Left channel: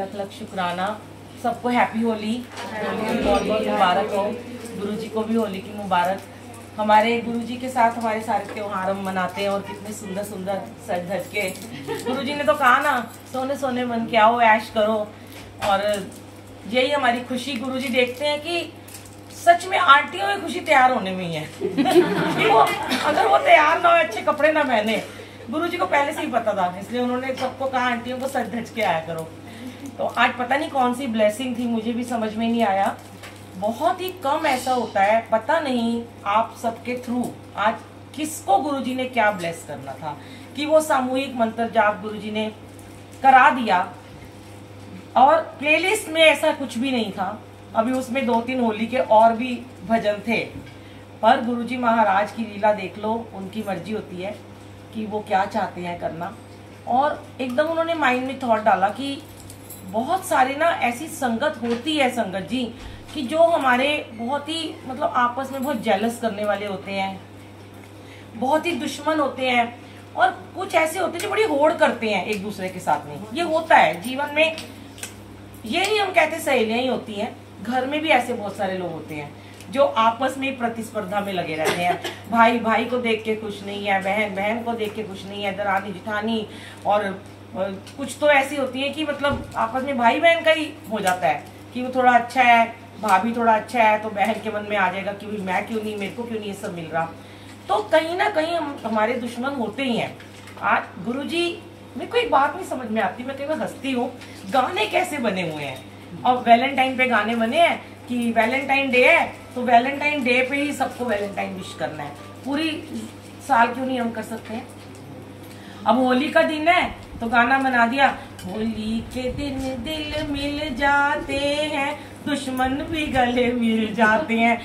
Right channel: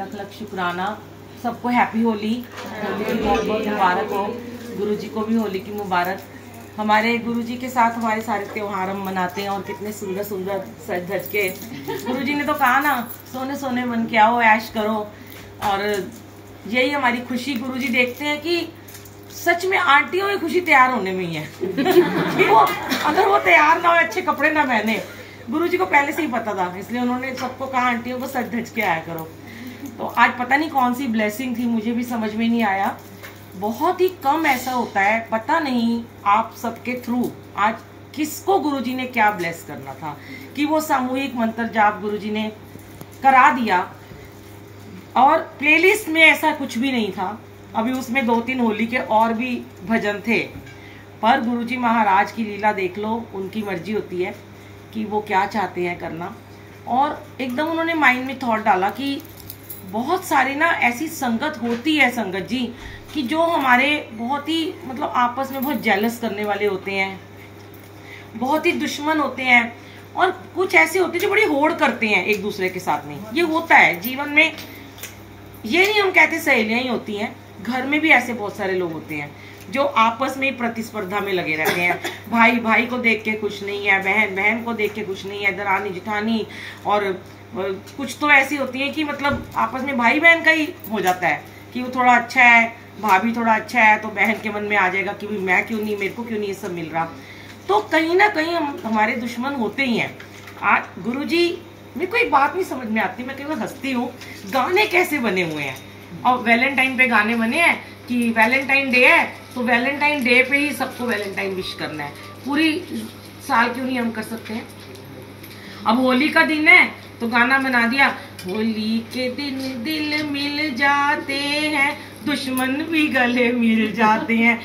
लख लख शुक्राना। सबको हैप्पी होली, बहुत बहुत मुबारक हो। गुरुजी को भी होली की मुबारक। हमारे गुरुजी के साथ हमारे सारे त्योहार हम मनाते हैं और कितने सुंदर सुंदर सज धज के। गुरुजी ने तो कहा ना, सोने सोने मन के आओ, ऐश करो। और यही हमारी खुशी। गुरुजी देखते हैं कि सच में आंटियों की खुशी तैयार होने में ही है। वो अगर वो तैयार ना हो, अच्छे कपड़े ना पहने, गुरुजी को पहले से ही पता था, इसलिए उन्होंने सबको कहा आंटियों को सज धज के आया करो। तो आज पता नहीं कौन सी ब्लेसिंग थी, मुझे भी समझ में नहीं आया। बहुत ही कम ऐसा होता है, पता नहीं आप सबके थ्रू आज किसको गुरुजी ने क्या ब्लेस करना था कि वो सामूहिक मंत्र जाप गुरुजी ने करा दिया। और प्लेलिस्ट में ऐसा कुछ भी नहीं था। अभी उसमें 2-3 होली के और भी भजन थे, पर गुरुजी महाराज की लीला देख लो, उनकी मर्जी होती है कि वो क्या चाहते हैं करना। और एकदम उन्होंने माइंड में थॉट डाला कि बहुत सारी ना ऐसी संगत होती है संगत जी कि जो हमारे बहुत ही मतलब आपस में बहुत जेलस करने वाले होते हैं, बहुत ही दुश्मन होते हैं, और कुछ ऐसे होते हैं जो बड़ी होड़ करते हैं एक दूसरे के साथ में। ये होता है जीवन में, ये नहीं हम कहते सहेलियां ही होती हैं, घर में भी ऐसे बहुत सारे लोग होते हैं जो आपस में प्रतिस्पर्धा में लगे रहते हैं। भाई भाई को देख के खुश नहीं है, बहन बहन को देख के खुश नहीं है, दरानी जिठानी। और कुछ तो ऐसी होती है कि मतलब आपस में भाई बहन का ही हो जाता है कि वो थोड़ा अच्छा है, भाभी थोड़ा अच्छा है, तो बहन के मन में आ जाएगा कि मैं क्यों नहीं, मेरे को क्यों नहीं ये सब मिल रहा। तो कहीं ना कहीं हमारे दुश्मन होते ही हैं। आज गुरुजी, मेरे को एक बात नहीं समझ में आती, मैं कई बार हंसती हूँ, गाने कैसे बने हुए हैं। और वैलेंटाइन पे गाने बने हैं कि वैलेंटाइन डे है तो वैलेंटाइन डे पे ही सबको वैलेंटाइन विश करना है, पूरी साल क्यों नहीं हम कर सकते हैं। अब होली का दिन है तो गाना बना दिया, होली के दिन दिल मिल जाते हैं, दुश्मन भी गले मिल जाते हैं।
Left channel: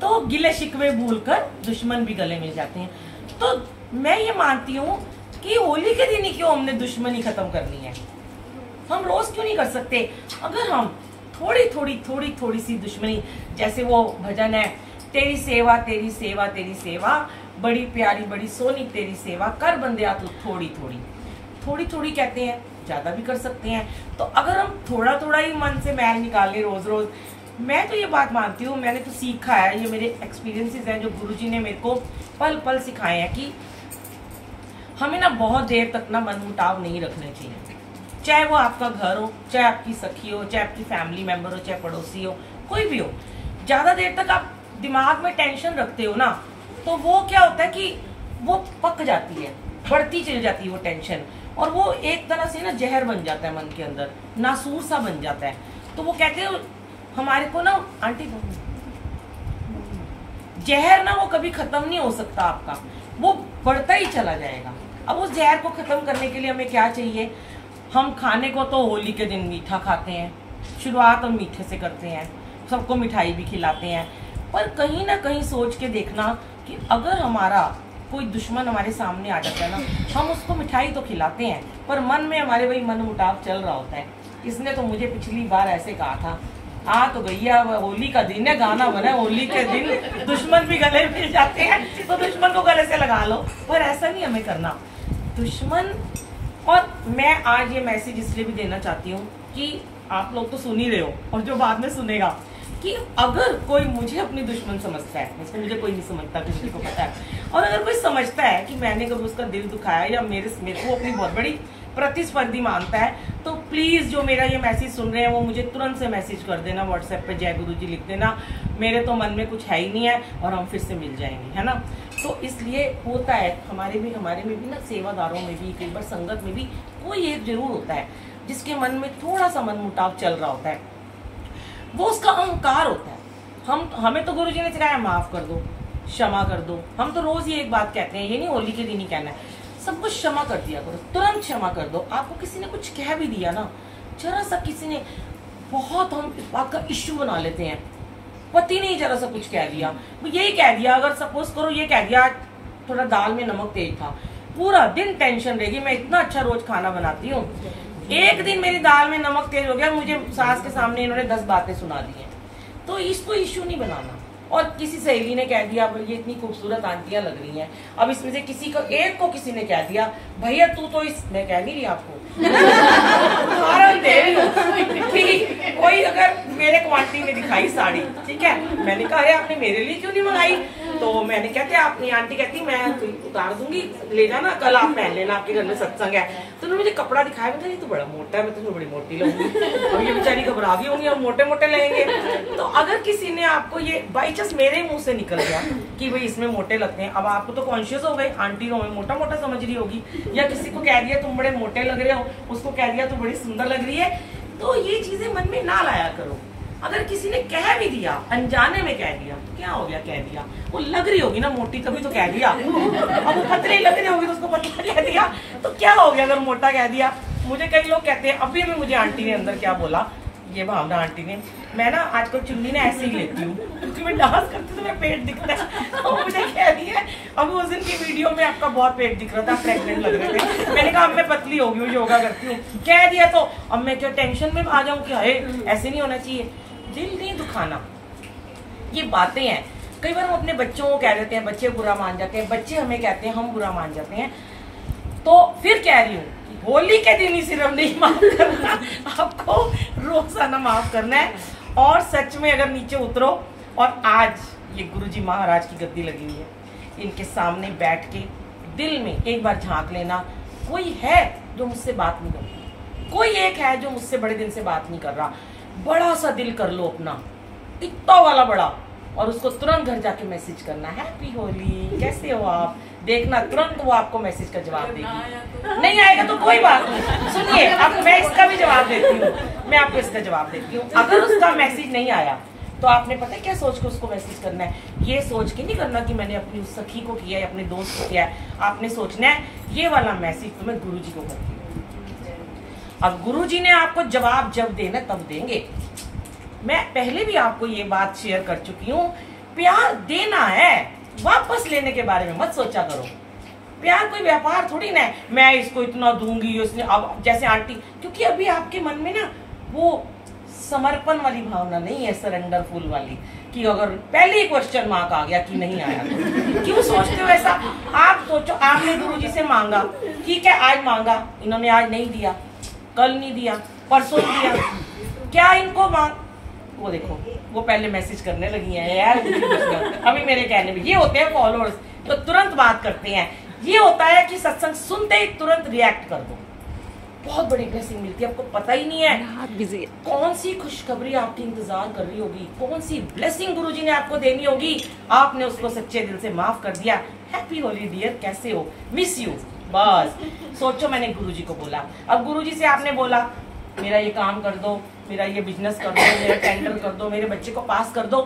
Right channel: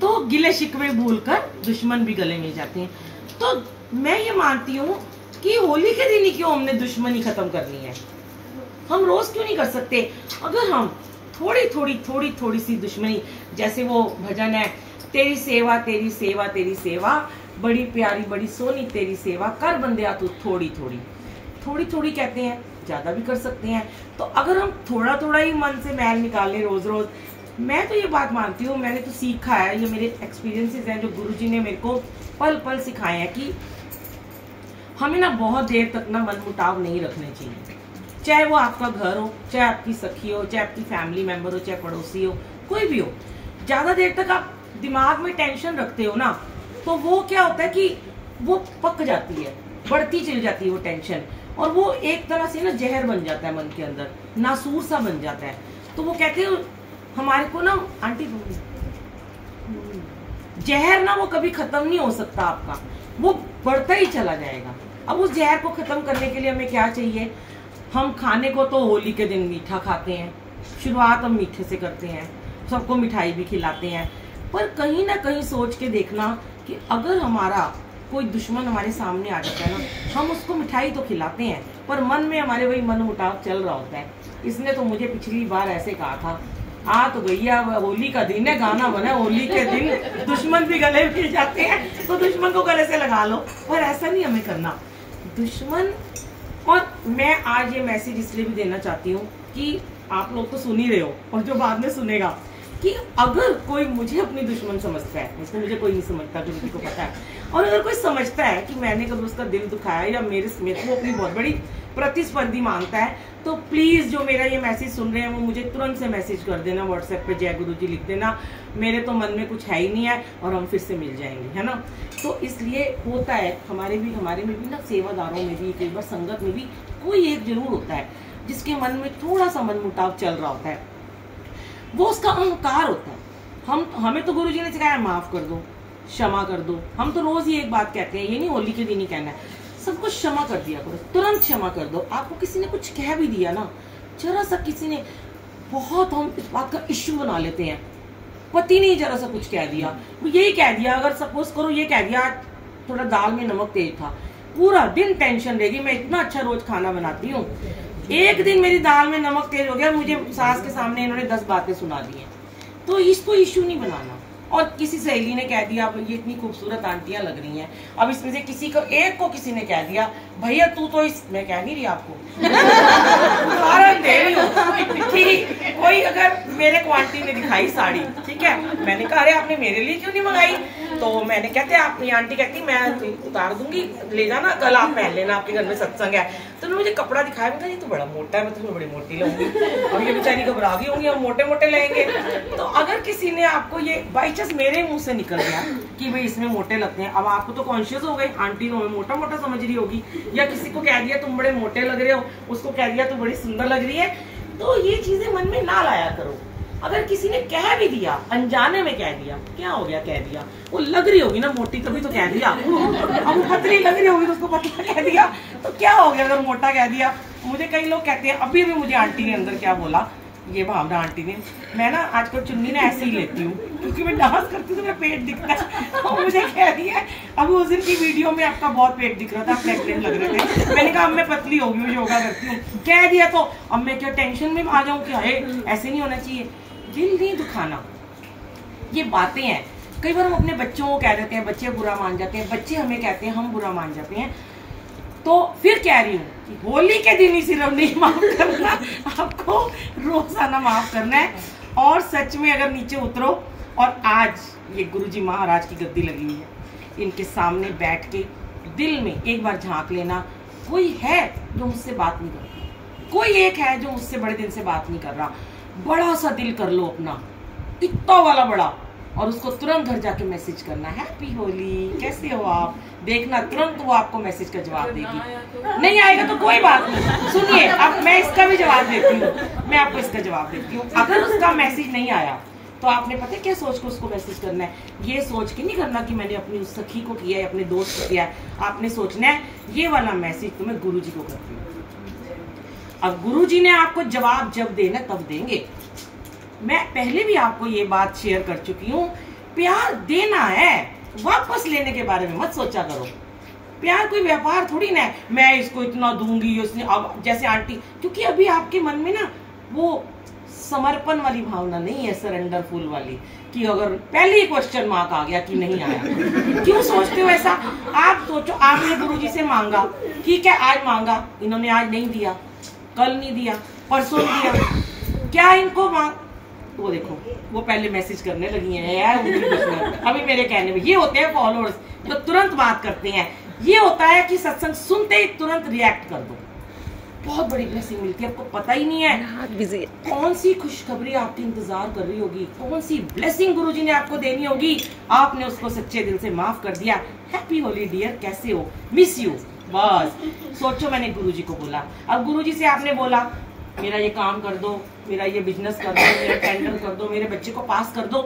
तो गिले शिकवे भूलकर दुश्मन भी गले मिल जाते हैं। तो मैं ये मानती हूँ कि होली के दिन ही क्यों हमने दुश्मनी खत्म करनी है, हम रोज क्यों नहीं कर सकते। अगर हम थोड़ी सी दुश्मनी, जैसे वो भजन है, तेरी सेवा तेरी सेवा तेरी सेवा, बड़ी प्यारी बड़ी सोनी तेरी सेवा, कर बंदिया तू थोड़ी थोड़ी कहते हैं, ज्यादा भी कर सकते हैं। तो अगर हम थोड़ा ही मन से मैल निकालें रोज रोज, मैं तो ये बात मानती हूँ, मैंने तो सीखा है, ये मेरे एक्सपीरियंसेस हैं जो गुरुजी ने मेरे को पल पल सिखाए हैं कि हमें ना बहुत देर तक ना मनमुटाव नहीं रखने चाहिए। चाहे वो आपका घर हो, चाहे आपकी सखी हो, चाहे आपकी फैमिली मेंबर हो, चाहे पड़ोसी हो, कोई भी हो। ज्यादा देर तक आप दिमाग में टेंशन रखते हो ना, तो वो क्या होता है कि वो पक जाती है, बढ़ती चली जाती है वो टेंशन, और वो एक तरह से ना जहर बन जाता है मन के अंदर, नासूर सा बन जाता है। तो वो कहते हैं हमारे को ना, आंटी जहर ना वो कभी खत्म नहीं हो सकता आपका, वो बढ़ता ही चला जाएगा। अब उस जहर को खत्म करने के लिए हमें क्या चाहिए, हम खाने को तो होली के दिन मीठा खाते हैं, शुरुआत हम मीठे से करते हैं, सबको मिठाई भी खिलाते हैं, पर कहीं ना कहीं सोच के देखना कि अगर हमारा कोई दुश्मन हमारे सामने आ जाता है ना, हम उसको मिठाई तो खिलाते हैं, पर मन में हमारे वही मन मुटाव चल रहा होता है। इसने तो मुझे पिछली बार ऐसे कहा था, आ तो गैया होली का दिन है, गाना बना होली के दिन दुश्मन भी गले मिल जाते हैं, तो दुश्मन को गले से लगा लो। पर ऐसा नहीं हमें करना दुश्मन। और मैं आज ये मैसेज इसलिए भी देना चाहती हूँ कि आप लोग तो सुन ही रहे हो, और जो बाद में सुनेगा, कि अगर कोई मुझे अपनी दुश्मन समझता है, इसमें मुझे कोई नहीं समझता, किसी को पता है, और अगर कोई समझता है कि मैंने कभी उसका दिल दुखाया या मेरे को अपनी बहुत बड़ी प्रतिस्पर्धी मानता है, तो प्लीज जो मेरा ये मैसेज सुन रहे हैं वो मुझे तुरंत से मैसेज कर देना, व्हाट्सएप पे जय गुरुजी लिख देना। मेरे तो मन में कुछ है ही नहीं है और हम फिर से मिल जाएंगे, है ना। तो इसलिए होता है हमारे में भी ना, सेवादारों में भी, कई बार संगत में भी कोई एक जरूर होता है जिसके मन में थोड़ा सा मन मुटाव चल रहा होता है, वो उसका अहंकार होता है। हमें तो गुरुजी ने सिखाया माफ कर दो, क्षमा कर दो। हम तो रोज ही एक बात कहते हैं, ये नहीं होली के दिन ही कहना है, सब कुछ क्षमा कर दिया करो, तुरंत क्षमा कर दो। आपको किसी ने कुछ कह भी दिया ना, जरा सा किसी ने, बहुत हम इस बात का इश्यू बना लेते हैं, पति ने जरा सा कुछ कह दिया, वो यही कह दिया, अगर सपोज करो ये कह दिया थोड़ा दाल में नमक तेज था, पूरा दिन टेंशन रहेगी। मैं इतना अच्छा रोज खाना बनाती हूँ, एक दिन मेरी दाल में नमक तेज हो गया, मुझे सास के सामने इन्होंने 10 बातें सुना दी हैं। तो इसको इश्यू नहीं बनाना। और किसी सहेली ने कह दिया ये इतनी खूबसूरत आंटियां लग रही हैं, अब इसमें से किसी को एक को किसी ने कह दिया भैया तू तो इस, मैं कह नहीं रही आपको उदाहरण दे रही हूँ, वही अगर मेरे को आंटी ने दिखाई साड़ी, ठीक है, मैंने कहा अरे आपने मेरे लिए क्यों नहीं मंगाई? तो मैंने कहते आपनी आंटी कहती मैं उतार दूंगी, ले जाना कल आप पहन लेना, आपके घर में सत्संग है। तो उन्होंने मुझे कपड़ा दिखाया, मैं कहा ये तो बड़ा मोटा है, मैं तो बड़ी मोटी लूंगी। अब ये बेचारी घबरा गई होंगी, हम मोटे मोटे लेंगे। तो अगर किसी ने आपको ये बाई चांस मेरे मुंह से निकल गया कि भाई इसमें मोटे लगते हैं, अब आपको तो कॉन्शियस हो गए, आंटी तो हमें मोटा मोटा समझ रही होगी, या किसी को कह दिया तुम बड़े मोटे लग रहे हो, उसको कह दिया तुम बड़ी सुंदर लग रही है। तो ये चीजें मन में ना लाया करो। अगर किसी ने कह भी दिया, अनजाने में कह दिया, क्या हो गया कह दिया, वो लग रही होगी ना मोटी तभी तो कह दिया, अब वो पतली लग रही होगी तो उसको पतला कह दिया, तो क्या हो गया अगर मोटा कह दिया। मुझे कई लोग कहते हैं, अभी अभी मुझे आंटी ने अंदर क्या बोला, ये भावना आंटी ने, मैं ना आजकल चुन्नी ना ऐसे ही लेती हूँ क्योंकि मैं डांस करती हूँ तो मेरा पेट दिखता है। तो मुझे कह दिया अभी उस दिन की वीडियो में आपका बहुत पेट दिख रहा था, प्रेग्नेंट लग रहे थे, मैंने कहा अब मैं पतली हो गई हूँ, योगा करती हूँ, कह दिया तो अब मैं क्या टेंशन में आ जाऊँ क्या? ऐसे नहीं होना चाहिए, दिल नहीं दुखाना, ये बातें हैं। कई बार हम अपने बच्चों को कह देते हैं, बच्चे बुरा मान जाते हैं, बच्चे हमें कहते हैं, हम बुरा मान जाते हैं। तो फिर कह रही हूँ कि होली के दिन ही सिर्फ नहीं माफ करना, आपको रोजाना माफ करना है। और सच में अगर नीचे उतरो, और आज ये गुरुजी महाराज की गद्दी लगी हुई है, इनके सामने बैठ के दिल में एक बार झांक लेना, कोई है जो मुझसे बात नहीं करता, कोई एक है जो मुझसे बड़े दिन से बात नहीं कर रहा, बड़ा सा दिल कर लो अपना, इतना वाला बड़ा, और उसको तुरंत घर जाके मैसेज करना, हैप्पी होली, कैसे हो आप, देखना तुरंत वो आपको मैसेज का जवाब देगी। नहीं आएगा तो कोई बात नहीं, सुनिए अब मैं इसका भी जवाब देती हूँ, मैं आपको इसका जवाब देती हूँ। अगर उसका मैसेज नहीं आया तो आपने पता है क्या सोच के उसको मैसेज करना है, ये सोच के नहीं करना कि मैंने अपनी उस सखी को किया है, अपने दोस्त को किया है, आपने सोचना है ये वाला मैसेज तो मैं गुरुजी को करती हूँ। अब गुरुजी ने आपको जवाब जब देना तब देंगे। मैं पहले भी आपको ये बात शेयर कर चुकी हूँ, प्यार देना है, वापस लेने के बारे में मत सोचा करो। प्यार कोई व्यापार थोड़ी ना है, मैं इसको इतना दूंगी, उसने अब जैसे आंटी, क्योंकि अभी आपके मन में ना वो समर्पण वाली भावना नहीं है, सरेंडरफुल वाली, कि अगर पहले ही क्वेश्चन मार्क आ गया कि नहीं आया तो क्यों सोचते हो ऐसा? आप सोचो, आपने गुरुजी से मांगा, ठीक है आज मांगा, इन्होंने आज नहीं दिया, कल नहीं दिया, परसों दिया, क्या इनको मांग, वो देखो वो पहले मैसेज करने लगी है यार अभी मेरे कहने में। ये होते हैं फॉलोअर्स तो तुरंत बात करते हैं, ये होता है कि सत्संग सुनते ही तुरंत रिएक्ट कर दो, बहुत बड़ी ब्लेसिंग मिलती है, आपको पता ही नहीं है कौन सी खुशखबरी आपकी इंतजार कर रही होगी, कौन सी ब्लेसिंग गुरुजी ने आपको देनी होगी, आपने उसको सच्चे दिल से माफ कर दिया। हैप्पी होली डियर, कैसे हो, मिस यू, बस सोचो मैंने गुरुजी को बोला। अब गुरुजी से आपने बोला मेरा ये काम कर दो, मेरा ये बिजनेस कर दो, मेरा टेंडर कर दो, मेरे बच्चे को पास कर दो,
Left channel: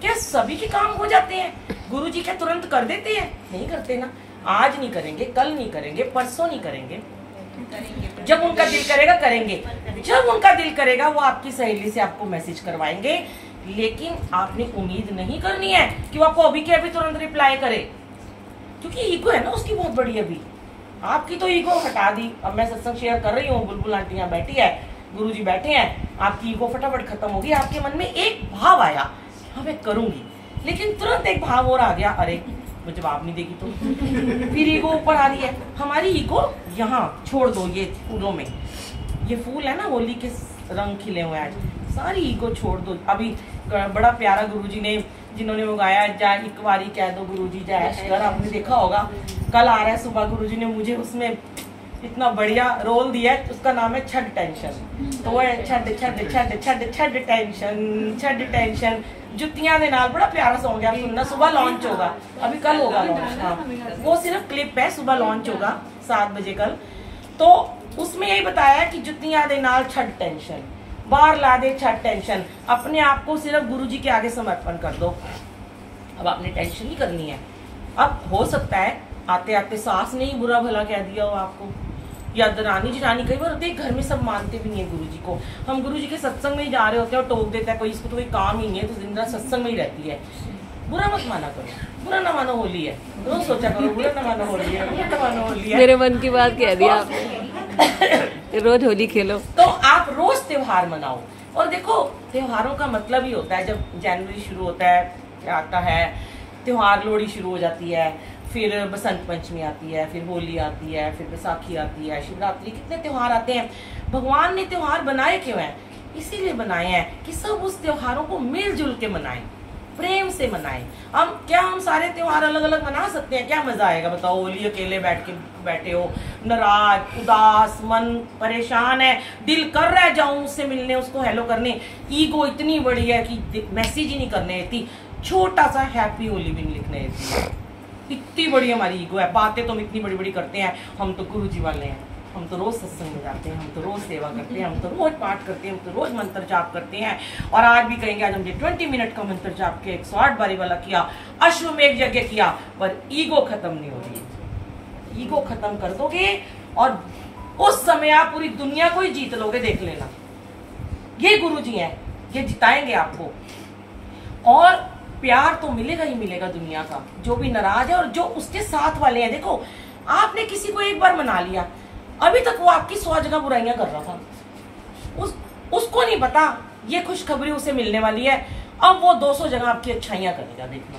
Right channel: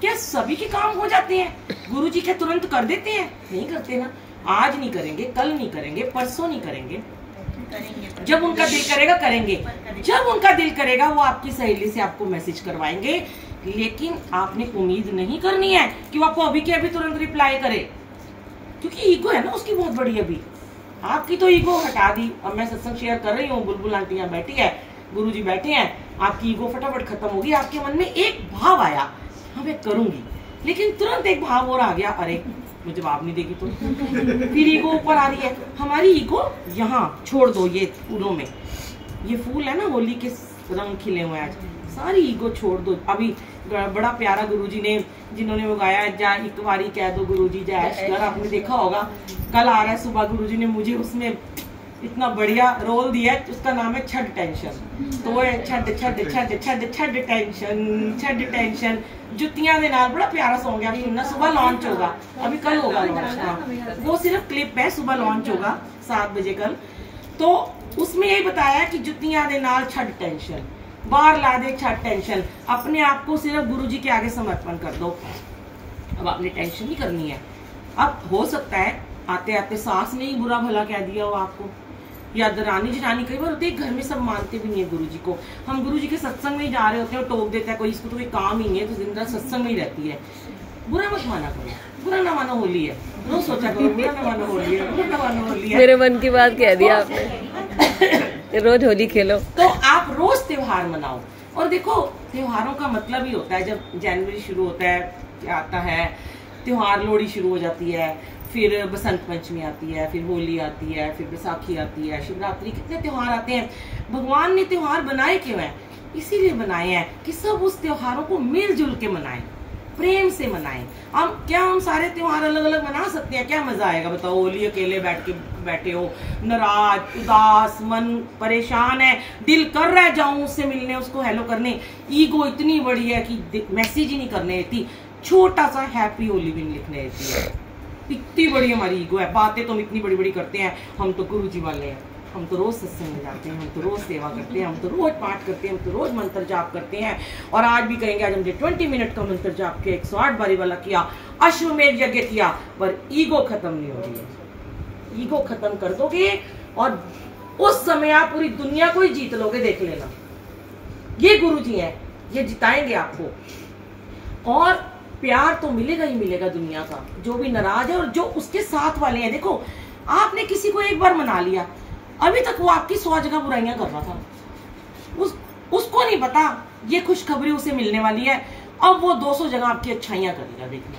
क्या सभी के काम हो जाते हैं? गुरुजी क्या तुरंत कर देते हैं? नहीं करते ना, आज नहीं करेंगे, कल नहीं करेंगे, परसों नहीं करेंगे, जब उनका दिल करेगा करेंगे, जब उनका दिल करेगा वो आपकी सहेली से आपको मैसेज करवाएंगे। लेकिन आपने उम्मीद नहीं करनी है कि वो आपको अभी के अभी तुरंत रिप्लाई करे, क्योंकि ईगो है ना उसकी बहुत बड़ी। अभी आपकी तो ईगो हटा दी, अब मैं सत्संग शेयर कर रही हूँ, बुलबुल आंटी यहाँ बैठी है, गुरुजी बैठे हैं, आपकी ईगो फटाफट खत्म होगी। आपके मन में एक भाव आया, हाँ मैं करूंगी, लेकिन तुरंत एक भाव और आ गया, अरे वो जवाब नहीं देगी तो फिर ईगो ऊपर आ रही है। हमारी ईगो यहाँ छोड़ दो, ये फूलों में, ये फूल है ना होली के रंग खिले हुए आज, सारी ईगो छोड़ दो। अभी बड़ा प्यारा गुरुजी ने जिन्होंने वो गाया, जा एक बारी कह दो गुरुजी जय ऐश कर, आपने देखा होगा, कल आ रहा है सुबह, गुरुजी ने मुझे उसमें इतना बढ़िया रोल दिया है, उसका नाम है छठ टेंशन। तो वो है छठ छठ छठ छठ छठ टेंशन, छठ टेंशन, जुतियां दे नाल, बड़ा प्यारा सॉन्ग है, सुनना, सुबह लॉन्च होगा, अभी कल होगा लॉन्च, हाँ वो सिर्फ क्लिप है, सुबह लॉन्च होगा 7 बजे कल। तो उसमें यही बताया कि जुतियां दे नाल छठ टेंशन, बाहर ला दे छठ टेंशन, अपने आप को सिर्फ गुरुजी के आगे समर्पण कर दो। अब आपने टेंशन नहीं करनी है। अब हो सकता है आते आते सास ने ही बुरा भला कह दिया हो आपको, या दरानी जिठानी, कई बार होते हैं घर में सब मानते भी नहीं है गुरुजी को, हम गुरुजी के सत्संग में ही जा रहे होते हैं और टोक देता है कोई, इसको तो कोई काम ही नहीं है, तो दिन रात सत्संग में ही रहती है। बुरा मत माना करो, बुरा ना मानो होली है, रोज सोचा करो बुरा ना मानो होली है, बुरा ना मानो होली है। मेरे मन की बात कह दिया आपने रोज होली खेलो, तो आप रोज त्योहार मनाओ। और देखो त्योहारों का मतलब ही होता है, जब जनवरी शुरू होता है, क्या आता है त्योहार, लोहड़ी शुरू हो जाती है, फिर बसंत पंचमी आती है, फिर होली आती है, फिर बैसाखी आती है, शिवरात्रि, कितने त्योहार आते हैं। भगवान ने त्योहार बनाए क्यों हैं? इसीलिए बनाए हैं कि सब उस त्योहारों को मिलजुल के मनाएं, प्रेम से मनाएं। हम सारे त्योहार अलग अलग मना सकते हैं? क्या मजा आएगा बताओ? होली अकेले बैठे हो, नाराज, उदास, मन परेशान है, दिल कर रहा है जाऊं उससे मिलने, उसको हेलो करने, ईगो इतनी बड़ी है कि मैसेज ही नहीं करने देती, छोटा सा हैप्पी होली भी नहीं लिखने देती है। इतनी बड़ी हमारी ईगो है, बातें तो हम इतनी बड़ी बड़ी करते हैं। हम तो गुरुजी वाले हैं, हम तो रोज सत्संग में जाते हैं, हम तो रोज सेवा करते हैं, हम तो रोज पाठ करते हैं, हम तो रोज मंत्र जाप करते हैं। और आज भी कहेंगे, आज हमने 20 मिनट का मंत्र जाप के 108 बारी वाला किया, अश्वमेध यज्ञ किया, पर ईगो खत्म नहीं हो रही है। ईगो खत्म कर दोगे और उस समय आप पूरी दुनिया को ही जीत लोगे, देख लेना। ये गुरुजी हैं, ये जिताएंगे आपको। और प्यार तो मिलेगा ही मिलेगा दुनिया का, जो भी नाराज है और जो उसके साथ वाले हैं। देखो, आपने किसी को एक बार मना लिया, अभी तक वो आपकी 100 जगह बुराइयां कर रहा था, उसको नहीं पता ये खुशखबरी उसे मिलने वाली है, अब वो 200 जगह आपकी अच्छाइयां करेगा। देखना,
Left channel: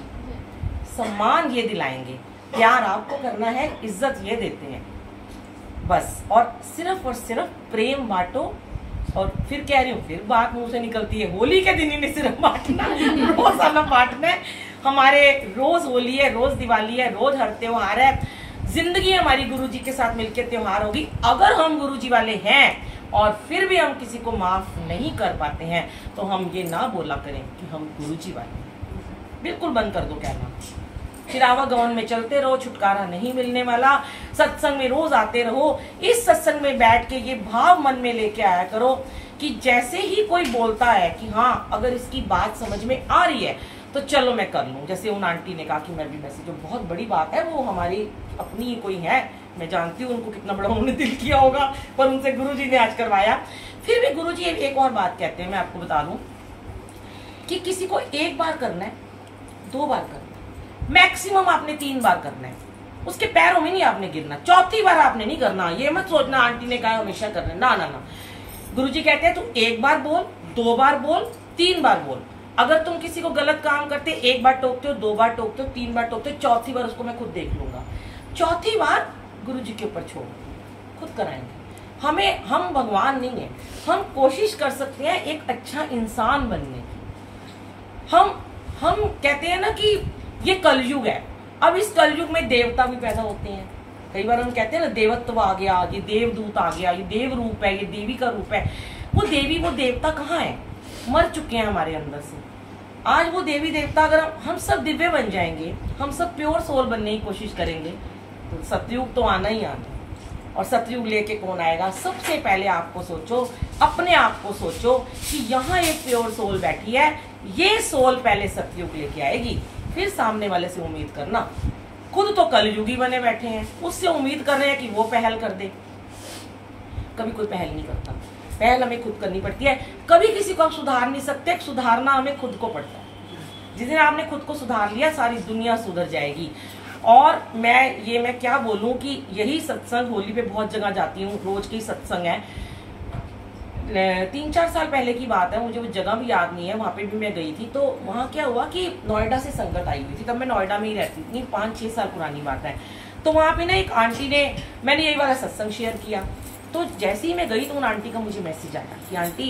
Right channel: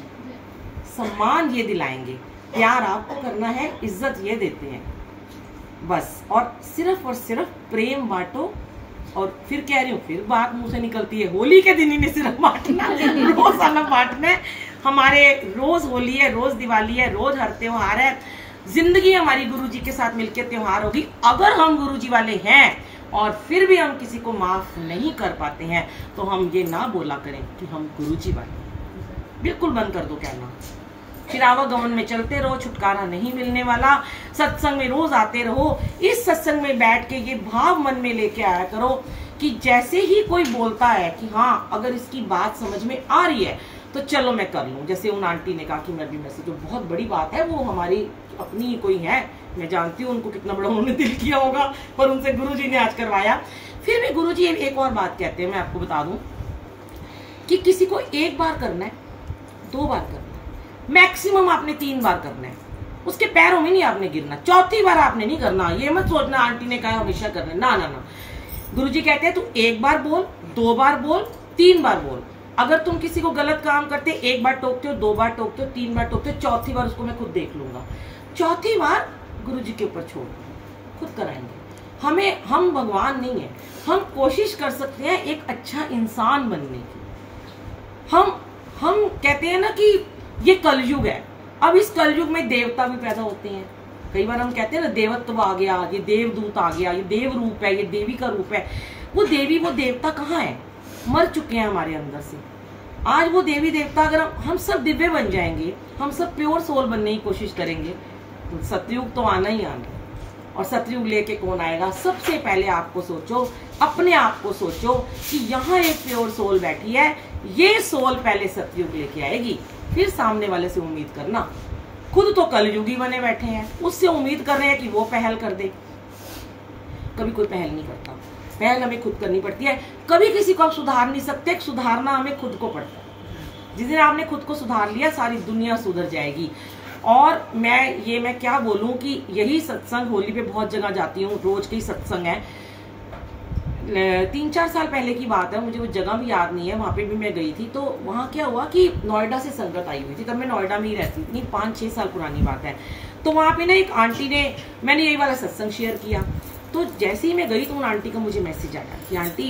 सम्मान ये दिलाएंगे, प्यार आपको करना है, इज्जत ये देते हैं बस। और सिर्फ प्रेम बांटो। और फिर कह रही हूँ, फिर बात मुंह से निकलती है, होली के दिन ही नहीं सिर्फ बांटना, रोजाना बांटना है। हमारे रोज होली है, रोज दिवाली है, रोज हर त्योहार है। जिंदगी हमारी गुरुजी के साथ मिलकर त्योहार होगी। अगर हम गुरुजी वाले हैं और फिर भी हम किसी को माफ नहीं कर पाते हैं, तो हम ये ना बोला करें कि हम गुरुजी वाले हैं। बिल्कुल बंद कर दो कहना। फिर आवागमन में चलते रहो, छुटकारा नहीं मिलने वाला। सत्संग में रोज आते रहो। इस सत्संग में बैठ के ये भाव मन में लेके आया करो कि जैसे ही कोई बोलता है कि हाँ, अगर इसकी बात समझ में आ रही है तो चलो मैं कर लूं। जैसे उन आंटी ने कहा कि मैं भी मैसेज, जो बहुत बड़ी बात है, वो हमारी अपनी ही कोई है, मैं जानती हूँ उनको कितना बड़ा उन्होंने दिल किया होगा, पर उनसे गुरुजी ने आज करवाया। फिर भी गुरुजी एक और बात कहते हैं, मैं आपको बता दूं कि किसी को एक बार करना है, 2 बार करना है, मैक्सिमम आपने 3 बार करना है। उसके पैरों में नहीं आपने गिरना, 4थी बार आपने नहीं करना। ये मत सोचना आंटी ने कहा हमेशा करना, ना ना ना। गुरुजी कहते हैं तू 1 बार बोल, 2 बार बोल, 3 बार बोल। अगर तुम किसी को गलत काम करते, 1 बार टोकते हो, 2 बार टोकते हो, 3 बार टोकते हो, 4थी बार उसको मैं खुद देख लूंगा। 4थी बार गुरुजी के ऊपर छोड़, खुद कराएंगे। हम भगवान नहीं है, हम कोशिश कर सकते हैं एक अच्छा इंसान बनने की। हम कहते हैं ना कि ये कलयुग है। अब इस कलयुग में देवता भी पैदा होते हैं। कई बार हम कहते हैं ना, देवत्व आ गया, ये देवदूत आ गया, ये देव रूप है, ये देवी का रूप है। वो देवी, वो देवता कहाँ है? मर चुके हैं हमारे अंदर से। आज वो देवी देवता, अगर हम सब दिव्य बन जाएंगे, हम सब प्योर सोल बनने की कोशिश करेंगे, तो सतयुग तो आना ही आना। और सतयुग लेके कौन आएगा? सबसे पहले आपको सोचो, अपने आप को सोचो कि यहाँ एक प्योर सोल बैठी है, ये सोल पहले सतयुग लेके आएगी, फिर सामने वाले से उम्मीद करना। खुद तो कलयुगी बने बैठे हैं, उससे उम्मीद कर रहे हैं कि वो पहल कर दे। कभी कोई पहल नहीं करता, पहल हमें खुद करनी पड़ती है। कभी किसी को आप सुधार नहीं सकते, सुधारना हमें खुद को पड़ता है। जिस दिन आपने खुद को सुधार लिया, सारी दुनिया सुधर जाएगी। और मैं क्या बोलूं कि यही सत्संग, होली पे बहुत जगह जाती हूँ, रोज के ही सत्संग है। 3-4 साल पहले की बात है, मुझे वो जगह भी याद नहीं है, वहां पे भी मैं गई थी। तो वहां क्या हुआ कि नोएडा से संगत आई हुई थी, तब मैं नोएडा में ही रहती थी, 5-6 साल पुरानी बात है। तो वहां पे ना एक आंटी ने, मैंने यही वाला सत्संग शेयर किया, तो जैसे ही मैं गई तो उन आंटी का मुझे मैसेज आया कि आंटी